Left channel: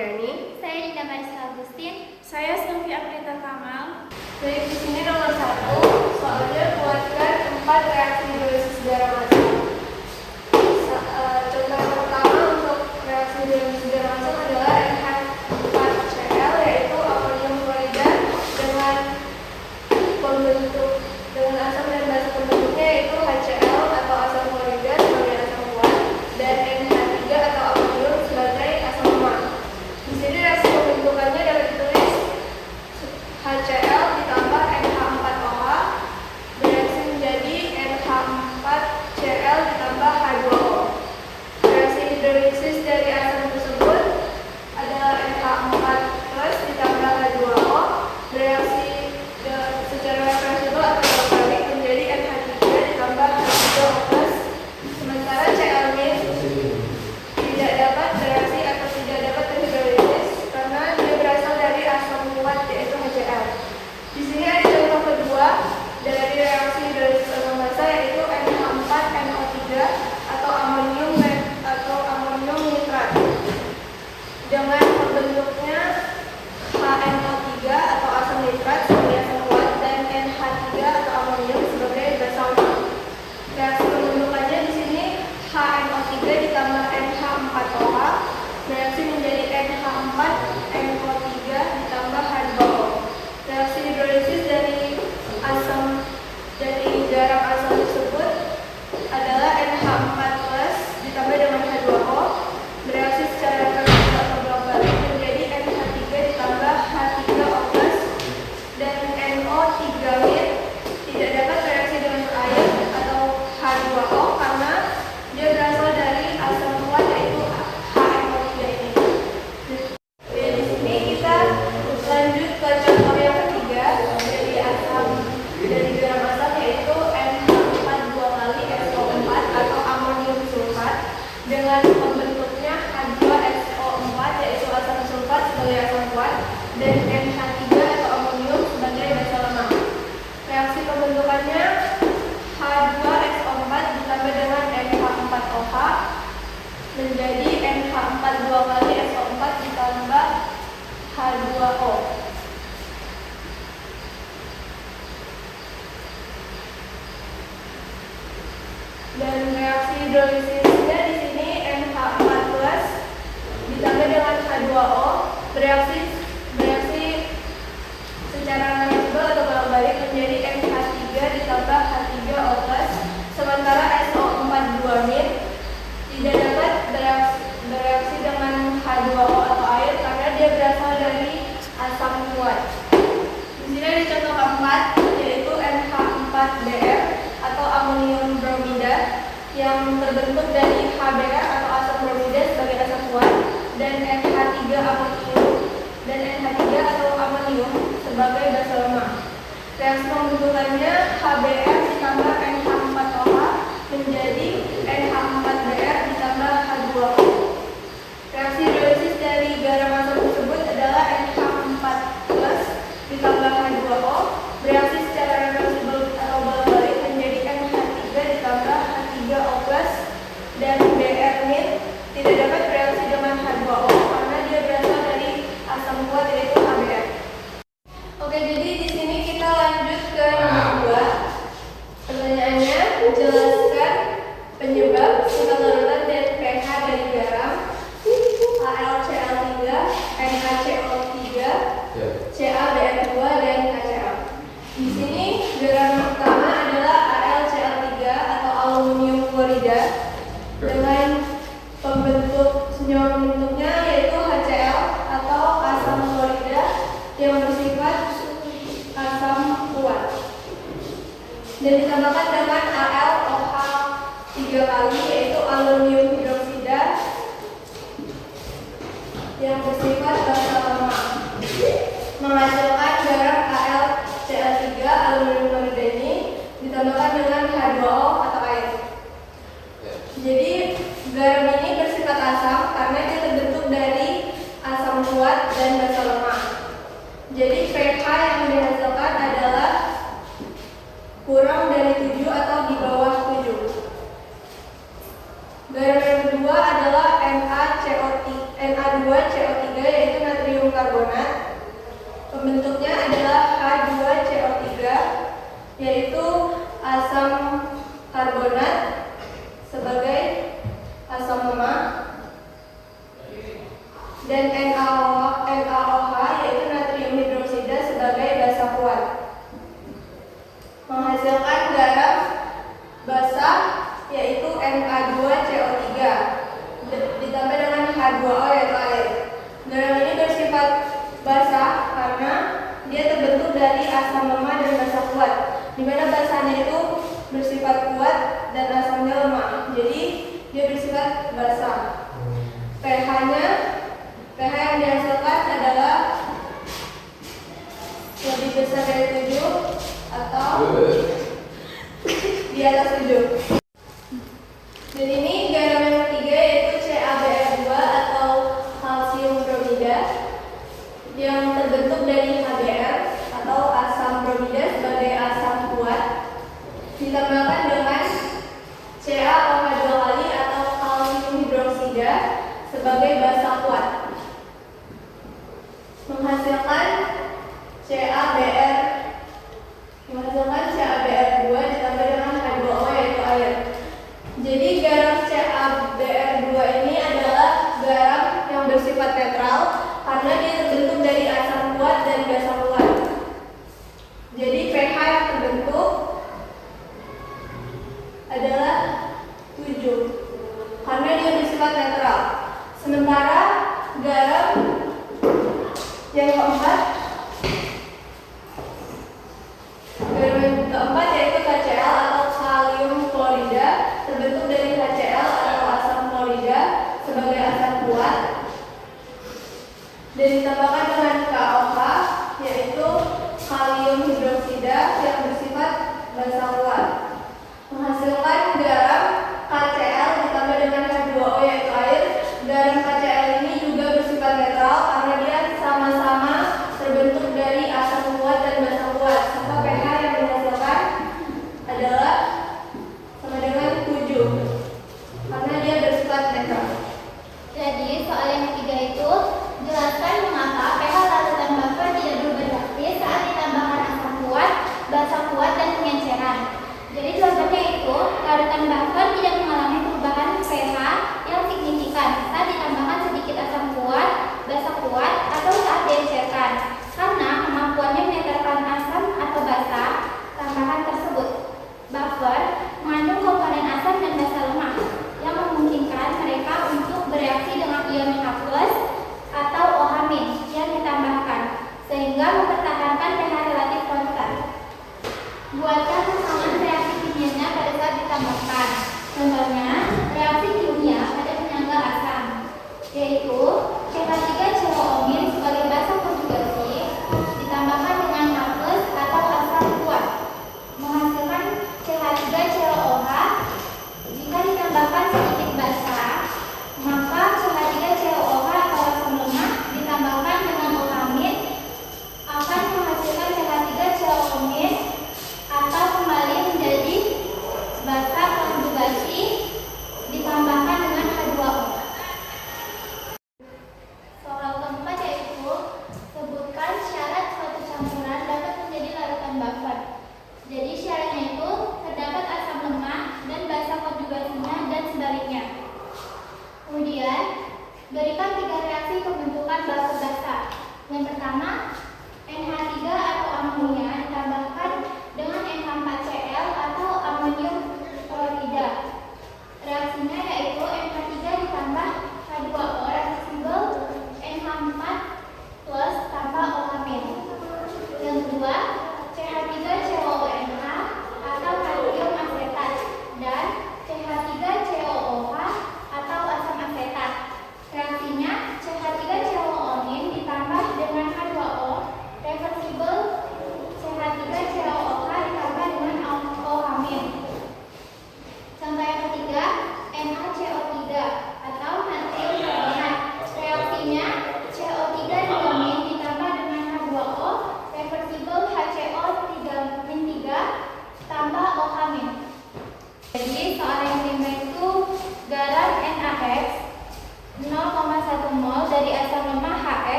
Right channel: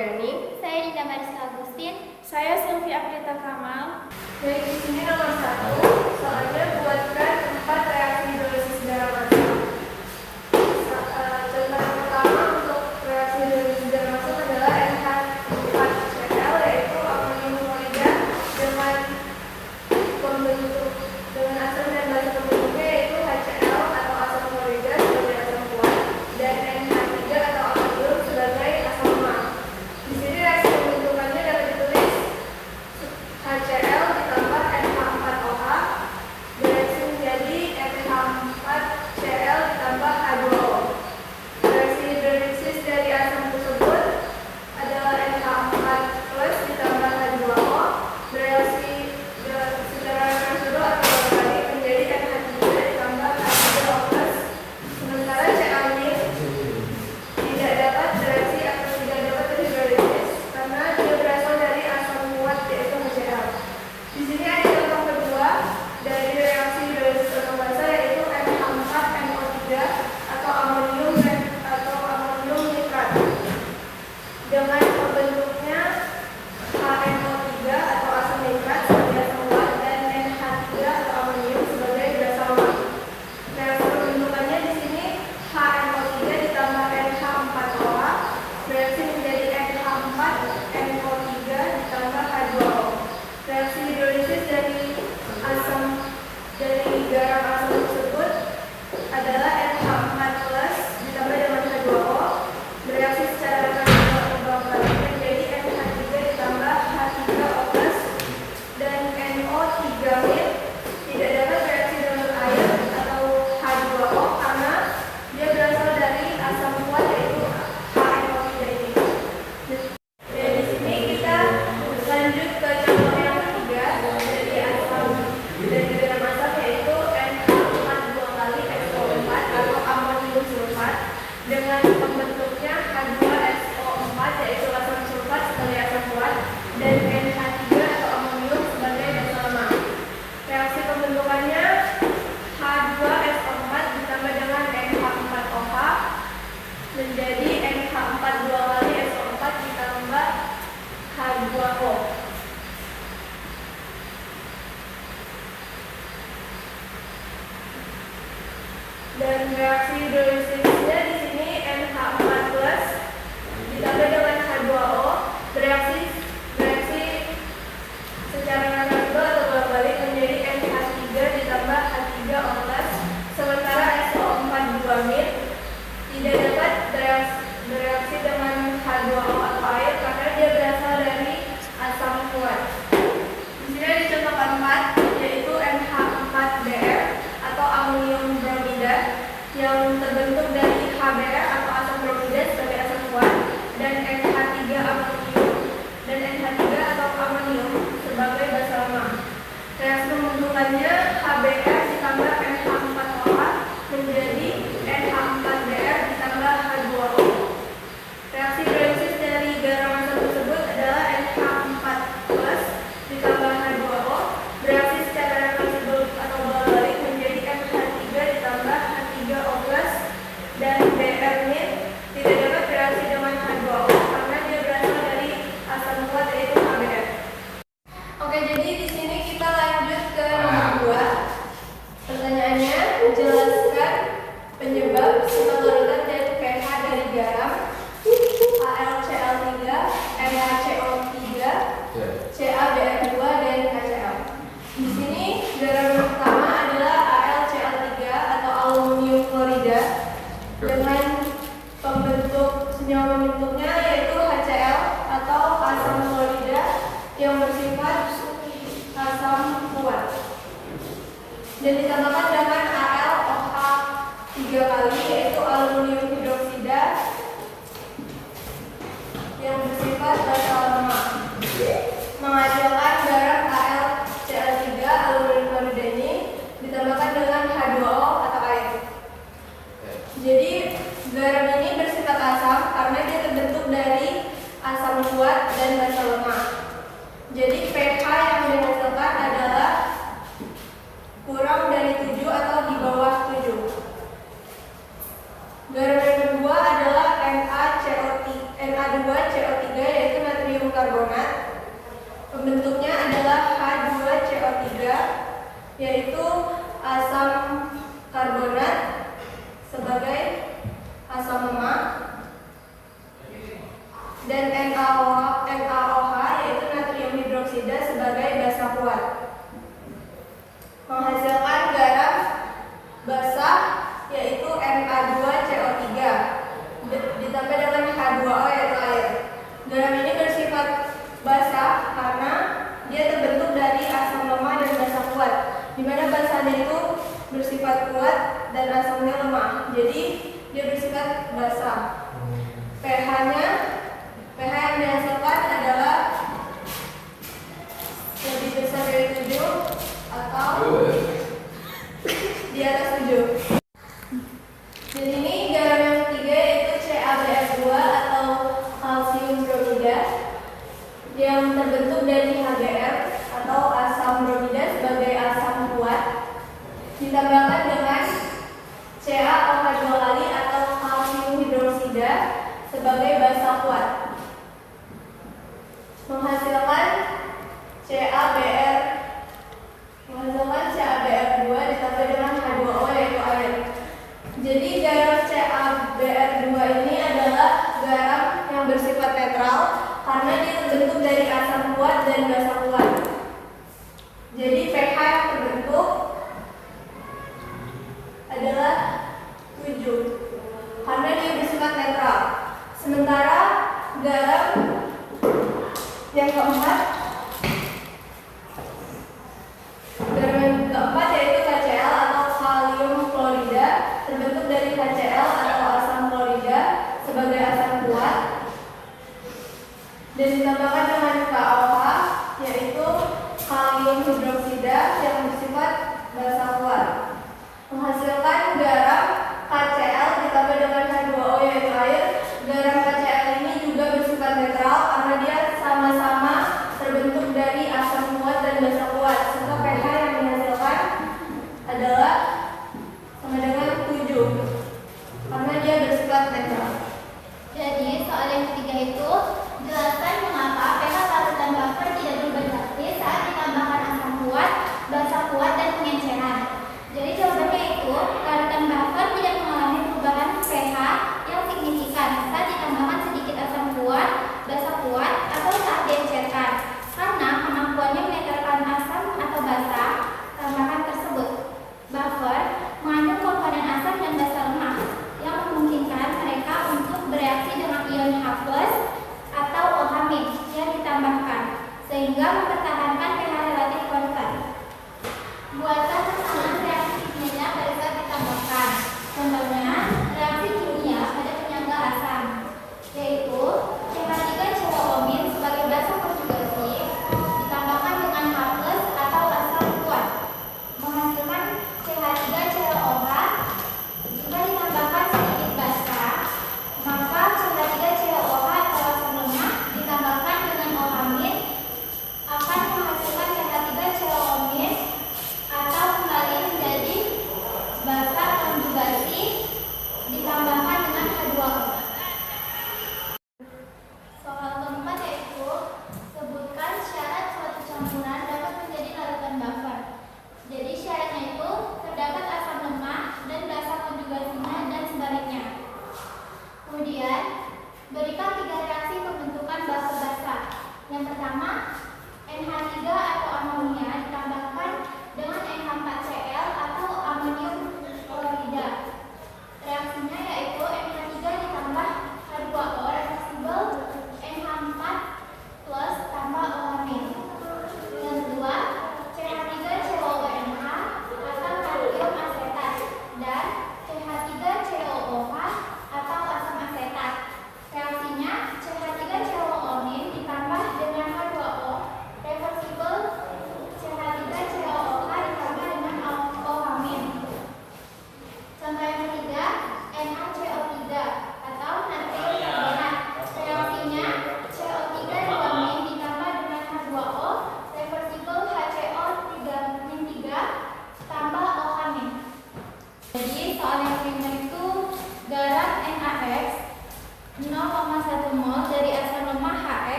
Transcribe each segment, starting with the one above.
Fitriani. Saya Linda Mariska Agustin. Saya Sylvia Aprita Kamal. Baik, di sini nomor 1, soalnya buatkan 4 reaksi hidrolisis garam asam. Contoh pertama untuk reaksi hidrolisis garam asam adalah NH4Cl, yaitu amonium klorida dengan asam dan basa pembentuknya yaitu HCl atau asam klorida sebagai asam kuat dan NH3 atau amonium sebagai asam lemah. Di sini reaksi pembentukannya dapat ditulis HCl ditambah NH4OH bereaksi menjadi NH4Cl ditambah H2O. Reaksi hidrolisis dari asam tersebut adalah NH4 plus ditambah H2O bereaksi secara reversibel atau berbalik menjadi NH3 ditambah H3O plus. Sementara Cl- tidak dapat bereaksi atau tidak dapat terhidrolisis karena dia berasal dari asam kuat yaitu HCl. Di sini ada contoh kedua dari reaksi hidrolisis asam basa yaitu NH4NO3 atau amonium nitrat dengan pembentuknya HNO3 atau asam nitrat sebagai asam kuat dan NH3 atau amonium sebagai basa lemah. Reaksi pembentukannya di sini HNO3 ditambah NH4OH bereaksi menjadi NH4NO3 ditambah H2O. Reaksi hidrolisis dari garam asam tersebut adalah NH4 plus ditambah dengan H2O bereaksi secara reversibel atau bolak-balik menjadi NH3 ditambah H3O plus dan NO3 tidak dapat bereaksi dengan air atau H2O karena dia berasal dari asam kuat yaitu HNO3 ini. Di sini kita lanjut ke contoh yang ketiga dari garam asam yaitu NH4 2 kali SO4 atau amonium sulfat dengan pembentuknya H2SO4 yaitu asam sulfat sebagai asam kuat dan NH3 atau amonium sebagai basa lemah. Reaksi pembentukannya H2SO4 ditambah dengan NH4OH menjadi NH4 2 kali SO4 ditambah H2O. Dan reaksi hidrolisisnya di sini NH4 plus ditambah dengan H2O bereaksi secara reversibel atau bolak-balik menjadi NH3 ditambah H3O plus. Sementara SO4 2- tidak dapat bereaksi dengan H2O atau air karena dia berasal dari asam kuat. Di sini ada contoh keempat yaitu NH4Br atau amonium bromida yang terbentuk dari HBr atau asam bromida sebagai asam kuat dan NH3 atau amonium sebagai basa lemah. Reaksi pembentukannya HBr ditambah NH4OH menjadi NH4Br ditambah H2O. Reaksi hidrolisis dari garam asam tersebut adalah NH4 plus ditambah H2O bereaksi secara reversibel atau bolak-balik menjadi NH3 ditambah H3O plus dan Br- tidak dapat bereaksi dengan H2O karena dia berasal dari asam kuat yaitu HBr. Oke, jadi di sini kita lanjut ke nomor 2. Pertanyaannya, jelaskan penyebab keteruran dan pH dari garam HalCl3, NaCO3, CaBr2 dan HCl. Di sini garam yang pertama adalah AlCl3 atau aluminium klorida dengan senyawa pembentuknya yaitu HCl atau asam klorida yang bersifat asam kuat dan ditambahkan dengan AlOH 3 kali yaitu aluminium hidroksida yang bersifat basa lemah menghasilkan garam AlCl3 aluminium klorida ini ditambahkan dengan H2O atau air. Jadi garam ini bersifat asam karena dia terbentuk dari asam kuat dan basa lemah. Jadi pH yang dihasilkan adalah kurang dari 7 atau di bawah 7. Garam yang kedua adalah Na2CO3 NaOH yaitu natrium hidroksida sebagai basa kuat. Menghasilkan garam basa yaitu Na2CO3 ditambah dengan H2O yaitu air. Garam ini bersifat basa karena dia terbentuk dari asam lemah dan basa kuat, di mana basanya itu bersifat kuat dan asamnya lemah, jadi dia bersifat basa. pH yang dihasilkan adalah lebih besar dari 7 atau di atas 7. Dan ini garam yang ketiga yaitu CaBr2 atau kalsium bromida yang terbentuk dari HBr atau asam bromida sebagai asam kuat ditambahkan dengan CaOH2 kali atau kalsium hidroksida sebagai basa kuat, menghasilkan CaBr2 ditambah dengan H2O yaitu air. Jadi garam CaBr2 ini adalah garam yang bersifat netral karena dia terbentuk dari asam kuat dan basa kuat. Jadi pH yang terbentuk adalah 7 karena dia bersifat netral. Sementara garam yang keempat yaitu KCl atau kalium klorida terbentuk dari HCl atau asam klorida sebagai asam kuat dan ditambahkan dengan KOH yaitu kalium hidroksida yang bersifat basa kuat, menghasilkan garam KCl ditambah dengan H2O yaitu air. Garam KCl ini juga bersifat netral karena dia sama-sama terbentuk dari asam kuat dan basa kuat, serta pH yang dihasilkan adalah sama dengan 7 karena dia bersifat netral. Jadi soal yang ketiga itu, jelaskan mengapa pH larutan buffer tidak berubah drastis saat ditambahkan asam kuat, basa kuat, dan pengenceran. Jadi jawabannya itu, larutan buffer tidak mengalami perubahan pH yang signifikan saat ditambahkan sedikit asam kuat, basa kuat, atau saat diencerkan, karena kemampuannya menetralkan asam atau basa tambahan tersebut. Buffer mengandung komponen asam dan basa lemah yang memungkinkan mereka untuk bereaksi dengan ion H+ atau OH- yang ditambahkan, sehingga mempertahankan pH relatif konstan. Buatkan kesamaan reaksi kimianya pada saat ditambahkan. Contohnya, reaksi kimia pada penyangga asam, yaitu CH3COO- sebagai basa konjugasi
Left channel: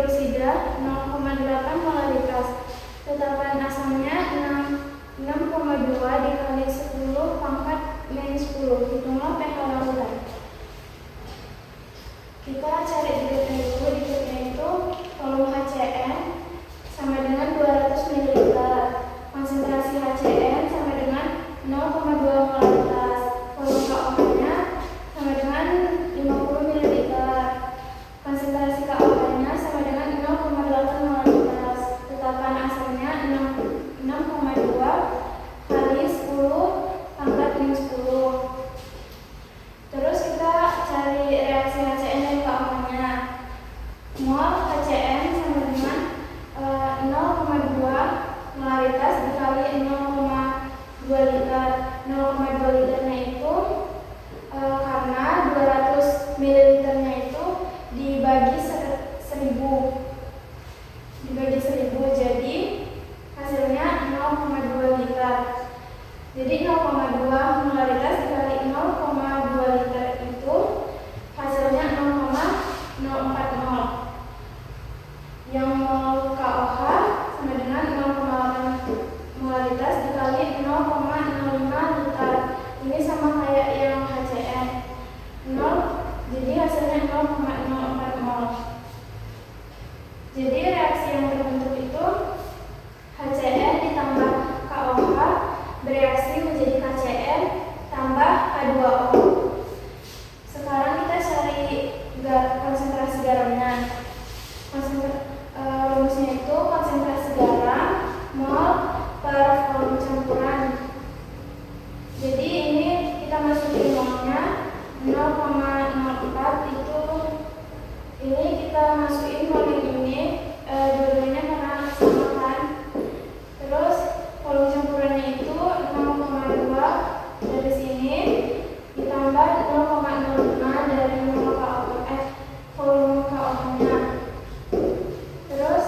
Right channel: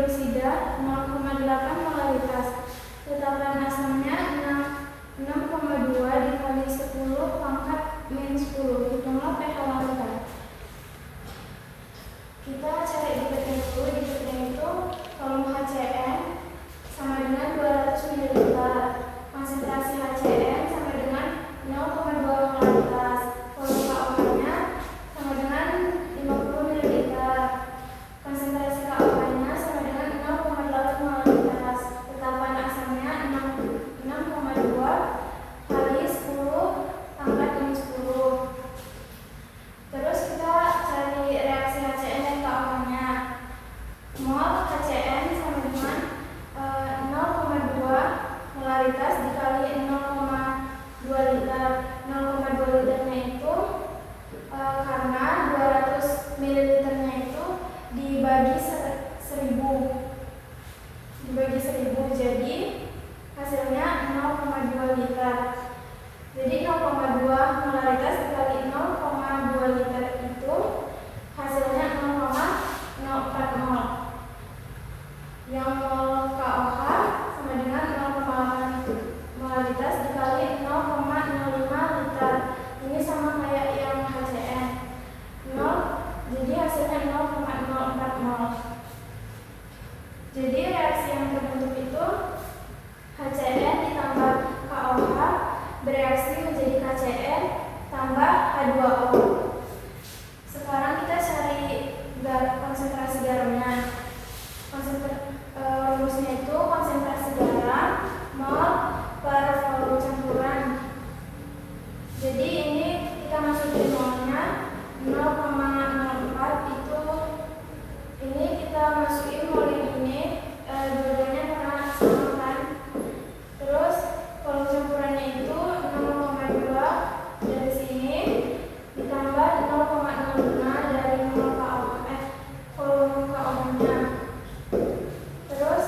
hidroksida 0,8 molaritas. Tetapan asamnya 6,2 dikali 10 pangkat minus 10. Hitunglah pH larutan. Kita cari diketnya itu volume HCN sama dengan 200 ml. Konsentrasi HCN sama dengan 0,2 molaritas. Volume KOH-nya sama dengan 50 ml. Konsentrasi KOH-nya sama dengan 0,8 molaritas. Tetapan asamnya 6,2 kali 10 pangkat minus 10. Terus kita cari reaksi HCN dan KOH-nya. Mol HCN sama dengan 0,2 molaritas dikali 0,2 liter. 0,2 liternya itu karena 200 ml-nya itu dibagi 1000, jadi hasilnya 0,2 liter. Jadi 0,2 molaritas dikali 0,2 liter itu hasilnya 0,04 mol. Yang mol KOH sama dengan 0,8 molaritas dikali 0,05 liter. Ini sama kayak yang HCN 0, jadi hasilnya 0,04 mol. Jadi reaksi yang terbentuk itu HCN ditambah KOH bereaksi menjadi KCN tambah H2O. Sekarang kita cari konsentrasi garamnya. Rumusnya itu konsentrasi garam mol per volume campuran. Jadi ini kita masukin molnya 0,04 itu. Ini kita masukin mol yang ini dua-duanya karena sama kan. Terus volume campurannya itu 0,2 dari sini ditambah 0,05 dari mol volume KOH-nya. Terus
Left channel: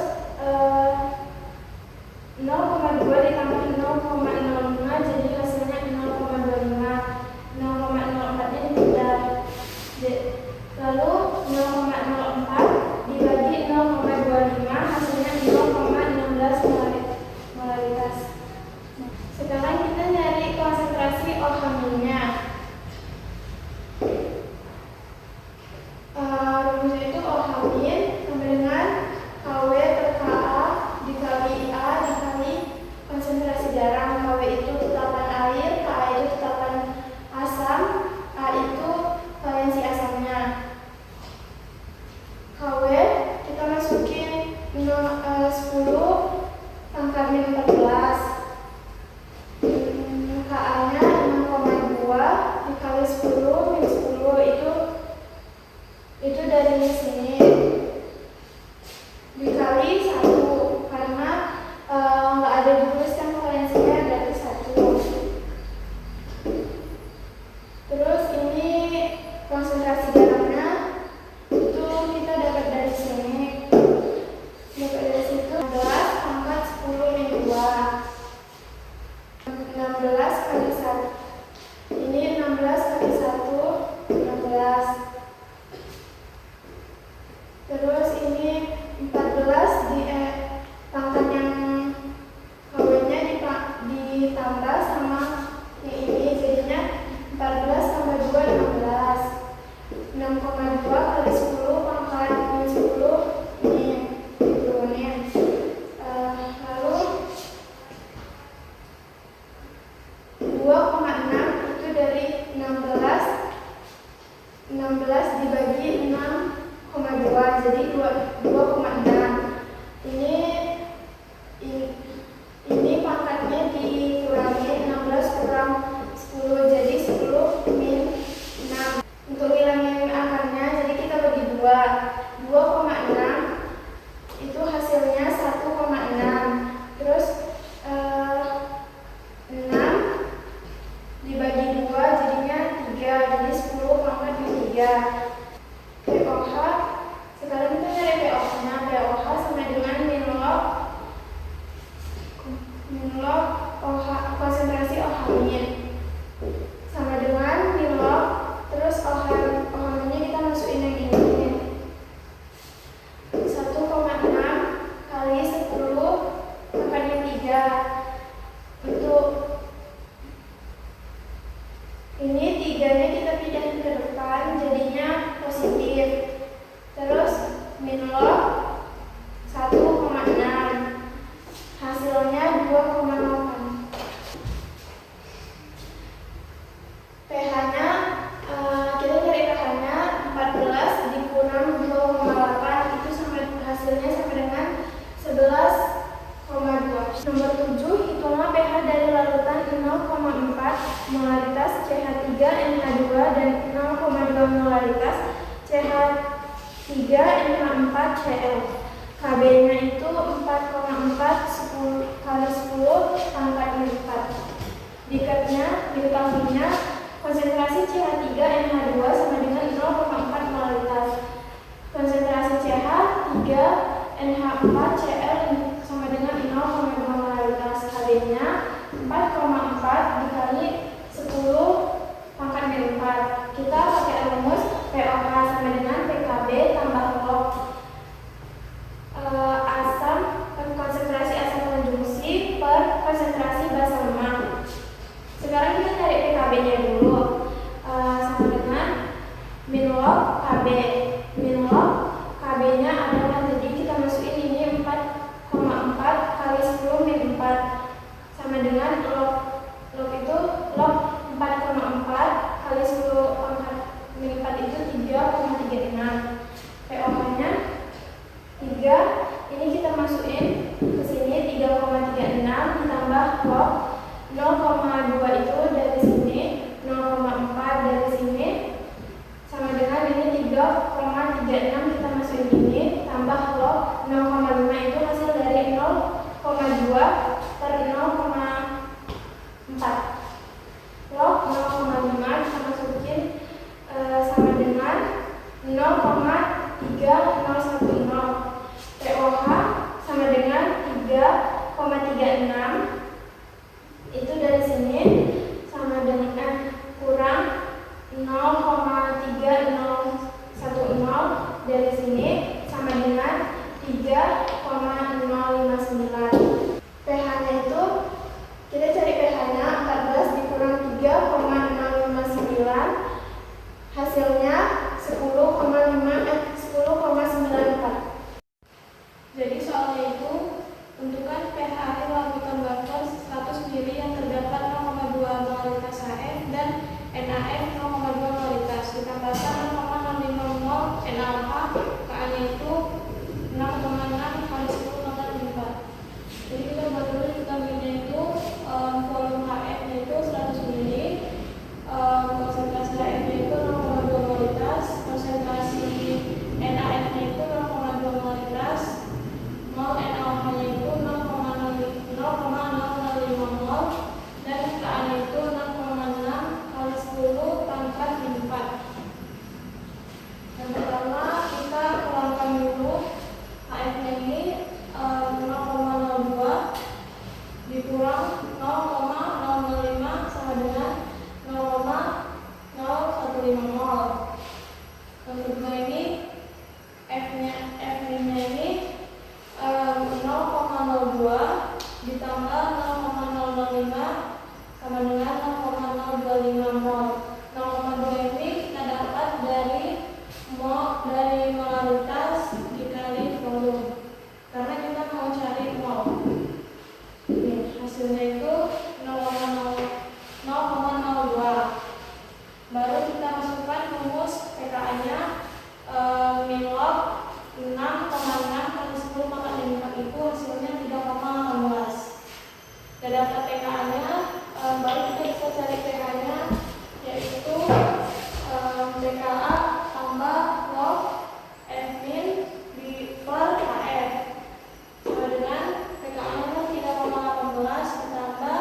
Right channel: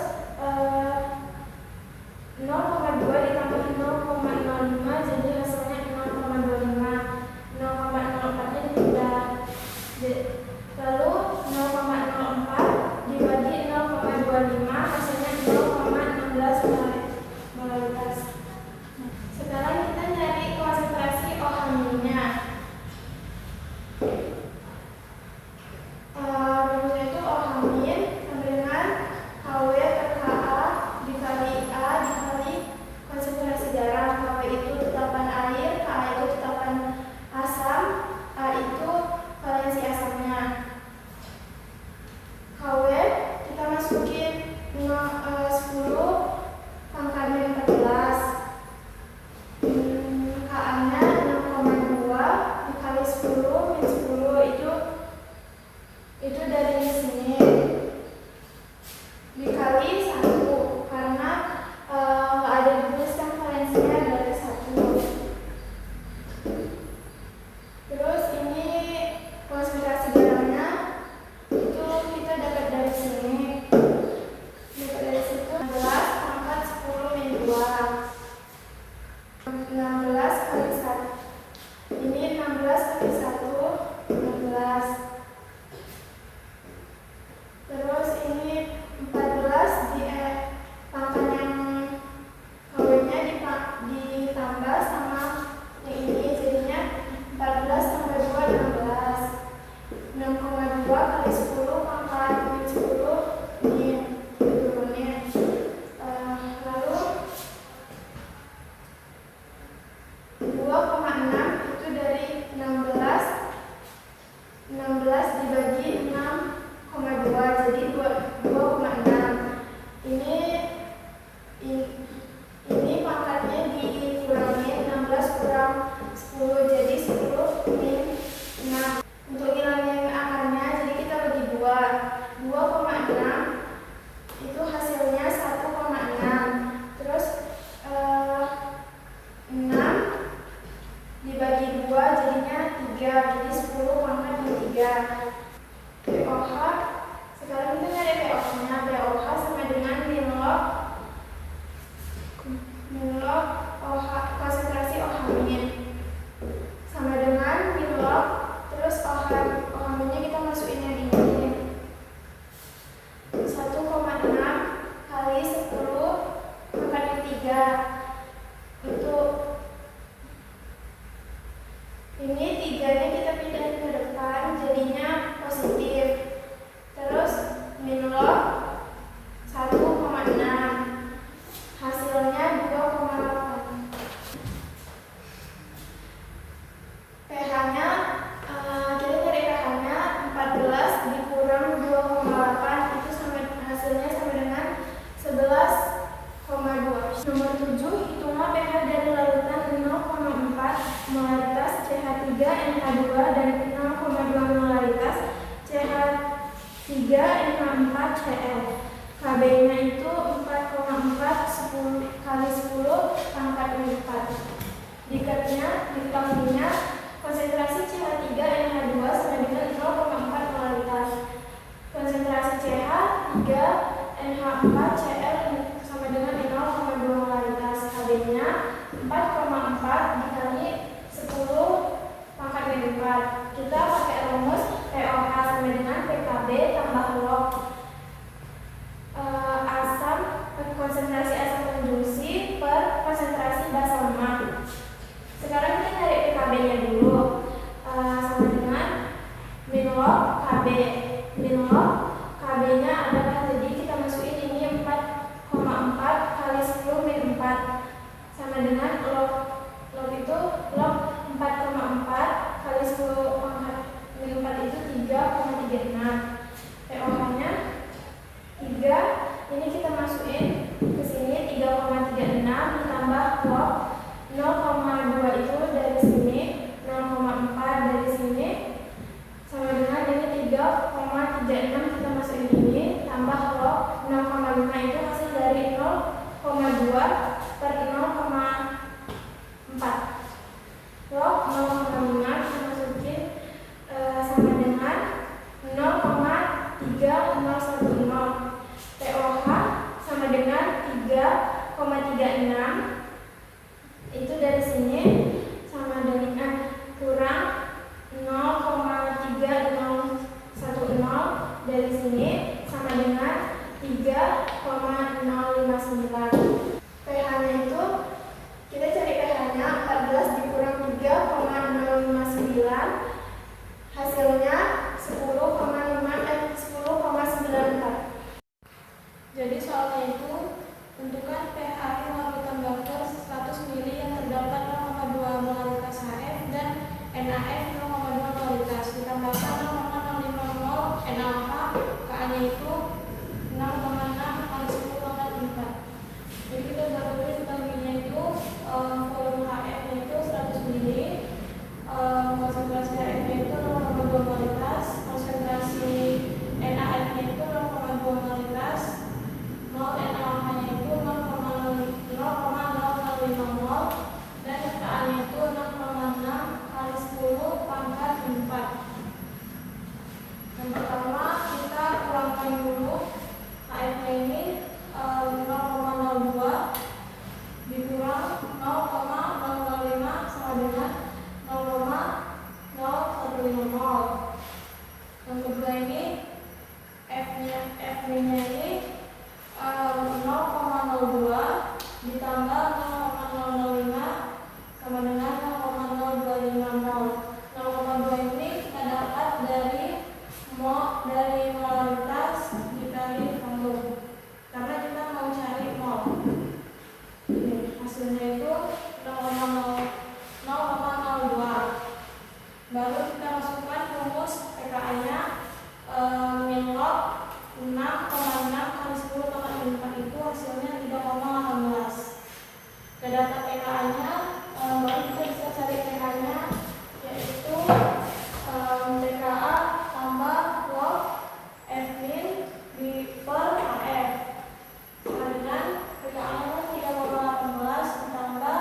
0,2 ditambah 0,05 jadi hasilnya 0,25. 0,04-nya dipindah. Lalu 0,04 dibagi 0,25 hasilnya 0,16 molaritas. Nah, sekarang kita nyari konsentrasi OH-nya. Rumusnya itu OH sama dengan KW per KA dikali A dikali konsentrasi garam. KW itu tetapan air, KA itu tetapan asam, A itu valensi asamnya. KW kita masukin 0,05 log 1,6. Hasilnya 2,8. pH-nya kita cari pH-nya 14 dikurang 2,8 itu hasilnya sama dengan 11,2. Nomor 7, hitunglah pH dari larutan 0,4 molaritas CH3NH2 dan 0,2 molaritas CH3NH4Cl. KB-nya itu 4,4 kali 10 pangkat 4. Diketahuinya konsentrasi CH3NH2 sama dengan 0,4 molaritas. Konsentrasi CH3NH4Cl sama dengan 0,2 molaritas. KB-nya 4,4 dikali 10 pangkat 4. Kita pakai rumus pOH sama dengan PKB tambah log konsentrasi asam konjungsi per konsentrasi basa lemak. Sekarang kita cari PKB-nya dulu, sama dengan min log KB. Min log KB-nya adalah, jadi kita masukin ini 4,4 kali 10 min 4 sama dengan log itu log 4,4 kali 10 pangkat min 4 itu 3,36. pOH-nya 3. Ini kita masukin ke sini 3,36 ditambah log 0,2 itu dari sini, 0,4 dari sini sama dengan ini 3,36 kita masukin ini tambah log 0,5 itu hasil dari 0,2 per 0,4. Log 0,5 kita masukin sama dengan 0,3010. pOH sama dengan 3,36 itu dari sini sama dengan kurang 0,3010 dari sini sama dengan 3,059. pH-nya itu kita cari pH-nya 14 dikurang 3,059 hasilnya 10,94. Jadi soalnya itu tentukan pH akhir larutan buffer 100 ml yang terdapat 0,2 molaritas HF dan NaF 0,2 molaritas ditambahkan 0,65 mol NaOH. Ka-nya itu 6,6 kali 10 pangkat 4. Jadi kita buat dulu, kita bikinnya itu volume HF-nya itu 100 ml, konsentrasi HF-nya itu 0,2 molaritas, konsentrasi NaF-nya itu 0,2 molaritas, NaOH-nya itu 0,005 mol dan Ka-nya itu 6,6 kali 10 pangkat 4. Yang pertama kita kurangkan dulu HF-nya ini 0,02 dikurang 0,005 sama dengan 0,015 mol. Yang kedua ini F-nya ini 0,02 ditambah 0,005 sama dengan 0,025 mol. 0,2 ini kita dapat dari molaritas dikali volume karena kita mau cari mol. Hasilnya itu 0,02. Baru kita masukkan rumus pKa-nya min log 6,6 kali 10 pangkat 4 itu hasilnya 3,18. Kita dapat pKa-nya, baru kita bisa cari pH-nya, yaitu pKa tambah log F min di per HF sama dengan pKa-nya 3,18 ditambah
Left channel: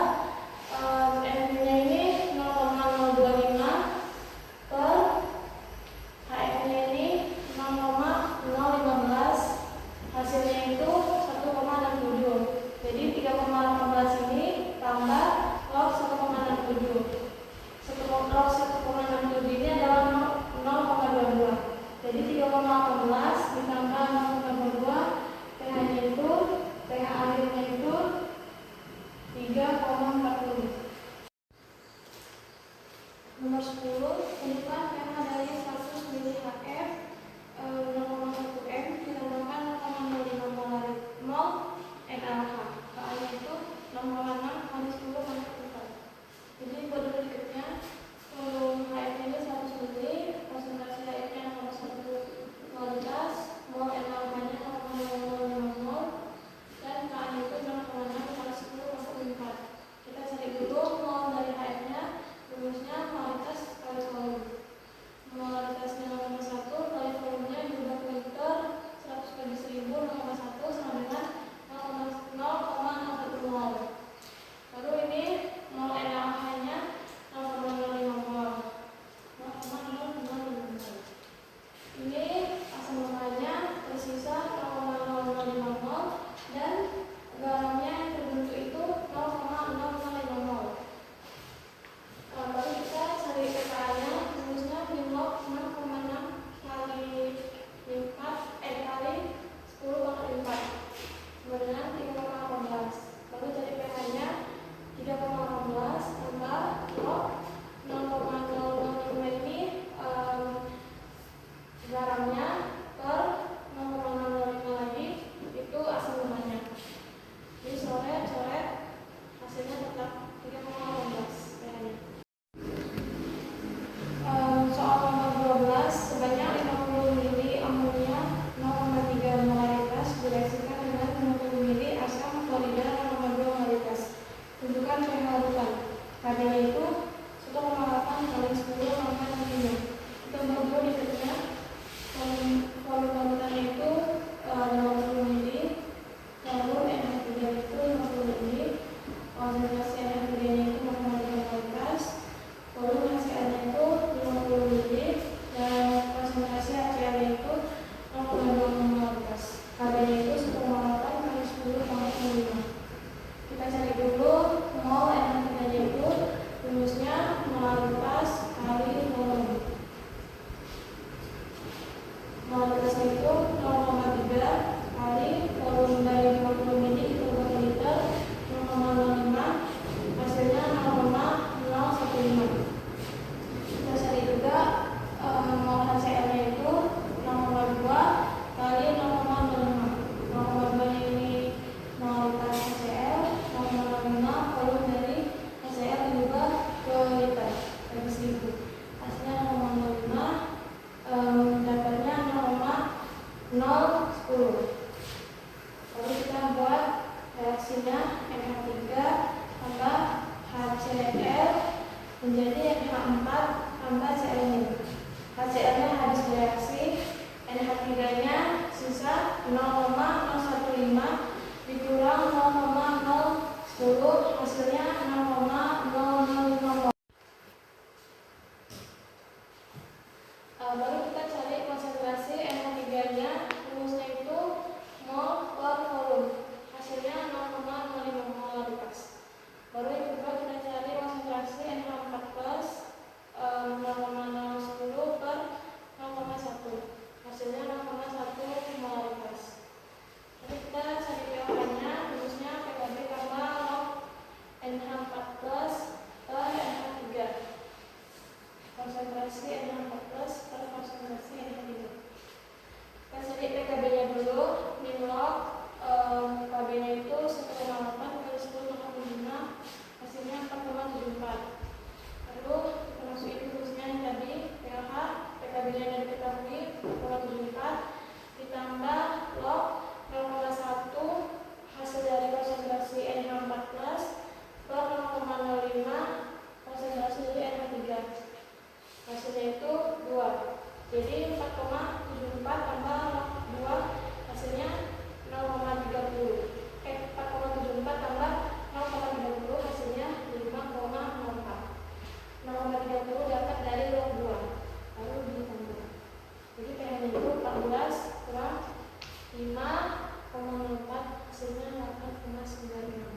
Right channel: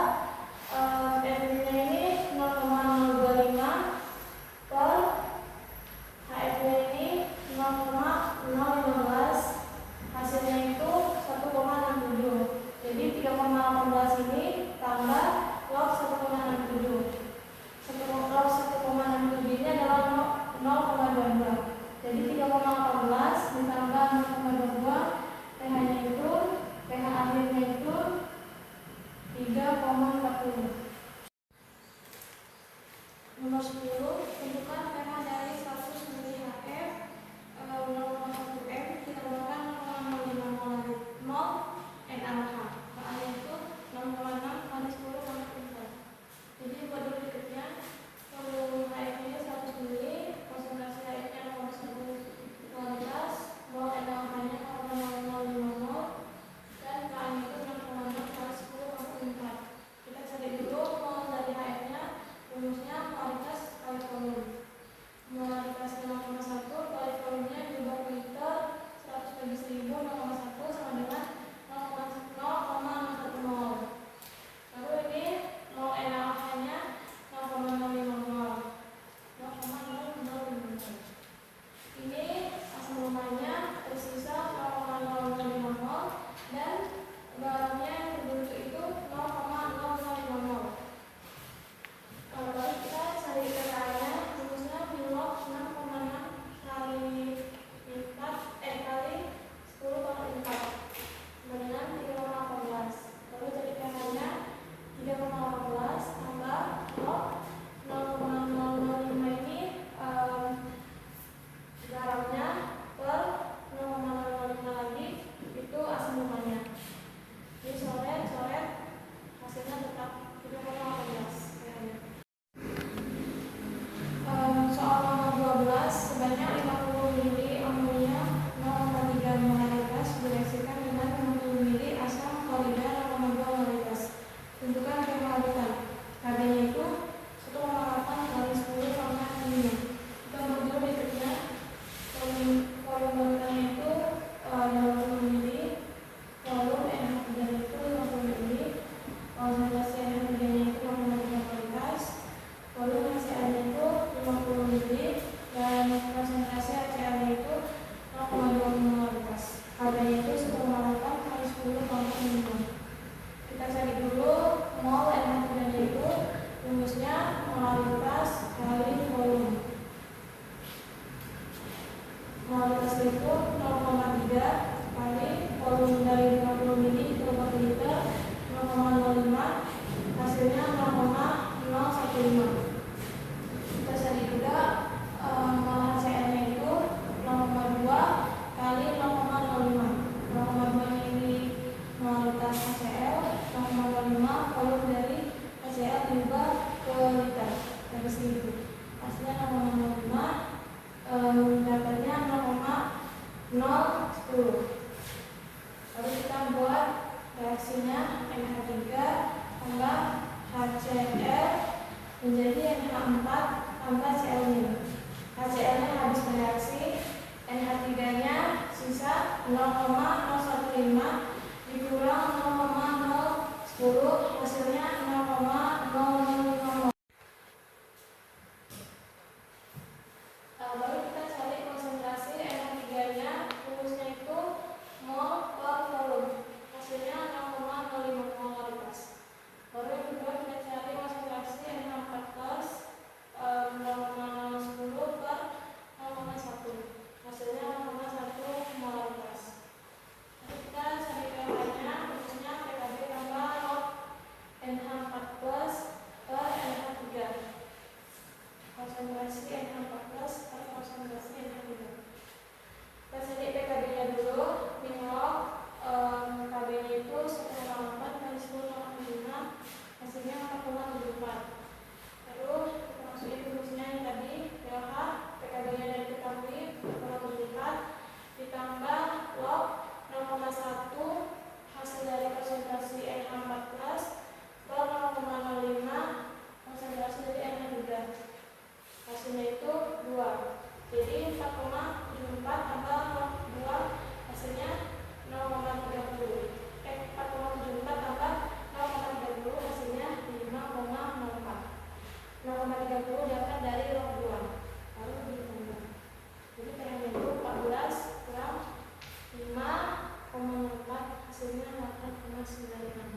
F min-nya ini 0,025 per HF-nya ini 0,015, hasilnya itu 1,67. Jadi 3,18 ini tambah log 1,67. tambah Cl-nya. HCl-nya habis bereaksi, NH3-nya sisa 0,015 dikurang 0,010, hasilnya 0,0050. Baru kita cari konsentrasi NH3-nya, rumusnya itu mol per volume, hasilnya 0,05 molaritas. Baru yang kedua kita cari konsentrasi NH4 plus 0,010 per 0,1, hasilnya 0,1 molaritas. Jadi kita cari pH-nya, rumusnya PKB tambah log NH4 plus per NH3, konsentrasi NH4 plus per konsentrasi NH3. Kita cari PKB-nya dulu, min log KB-nya itu 1,8 kali 10,75, hasilnya 4,74. Lalu kita masukin rumusnya yang tadi, pH, PKB-nya yang diketahui 4,74 ditambah log 0,1 hasil dari konsentrasi NH4 plus per 0,05 konsentrasi dari NH3, hasilnya itu 2. Jadi 4,74 tambah 2 hasilnya 0,30. 4,74 tambah 0,30 hasilnya 5,04. 0,30 diangkat dari log 2 lalu ditambah. Jadi pH-nya itu 14 kurang 5,04 hasilnya 8,96.